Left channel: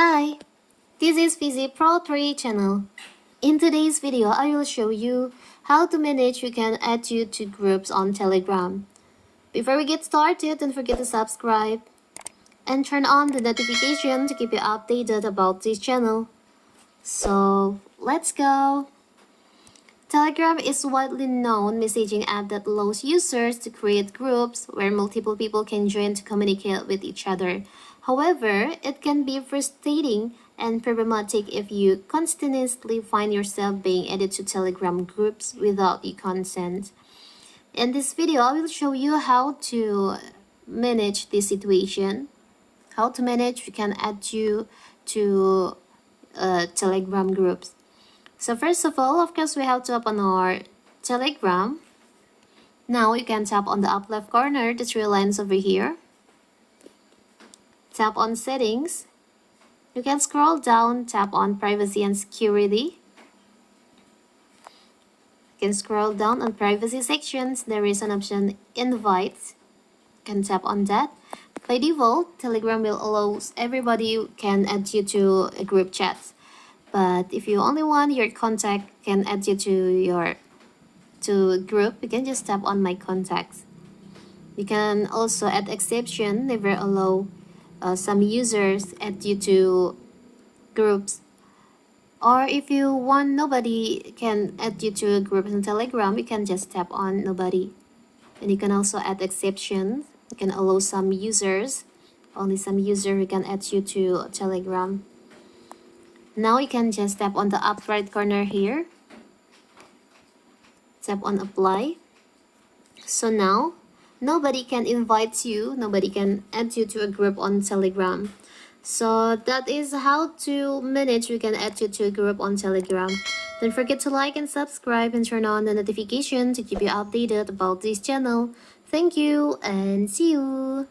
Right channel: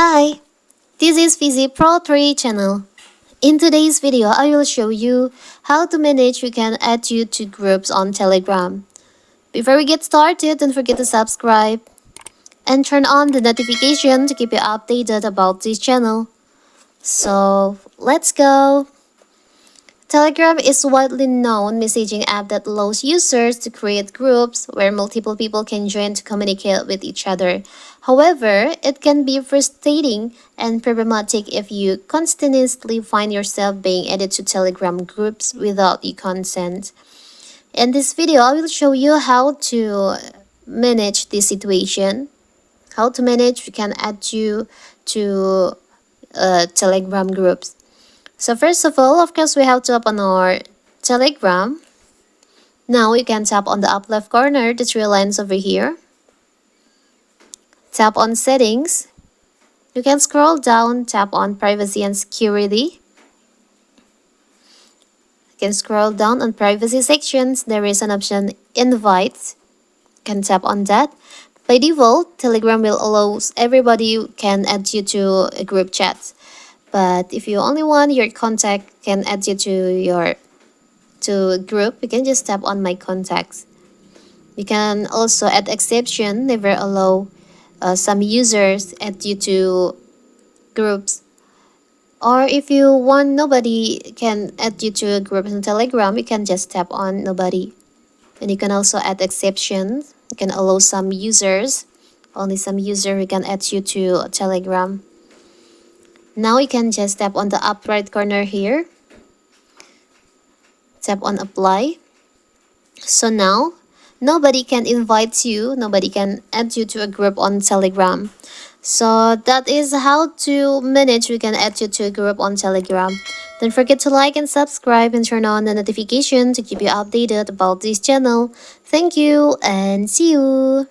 Hi, this is Fizi Pro 3 channel. In today's video, I will show you how to manage we can add you to groups on Telegram. Before we get started, don't forget to subscribe and turn on the notification to keep you updated about this channel. So, let's go! Telegram is a widely known messaging app that allows users to create groups where multiple people can join to communicate with each other. However, it can be frustrating and problematic if you continuously find yourself being added to Telegram groups without your consent. In this video, I will show you how to manage this situation. How to manage we can add you to Telegram groups. So first of all, of course, we have to open our Telegram. Now you can tap on the up left corner, the three lines over here. Tap on settings. You can scroll down, tap on privacy and security. You can scroll down on privacy sections. There is an option invite. You can tap on that. By default, Telegram will allow everybody can add you to a group chat. But if you only want your contact can add you to a group, you can just tap on my contacts. You can also add exception, never allow some users add you to groups. Or if you want nobody can add you to a group in Telegram, you can just tap on nobody. And you can also add exceptions. You can allow some users, only some user who can add you to Telegram. Now you can just tap on the up right corner here. Tap on apply. So now, nobody can invite you, nobody can add you to a group on Telegram. So that is how to manage we can add you to a group on Telegram. Don't forget to like and subscribe and turn on the notification to keep you updated about this channel. Thank you and see you!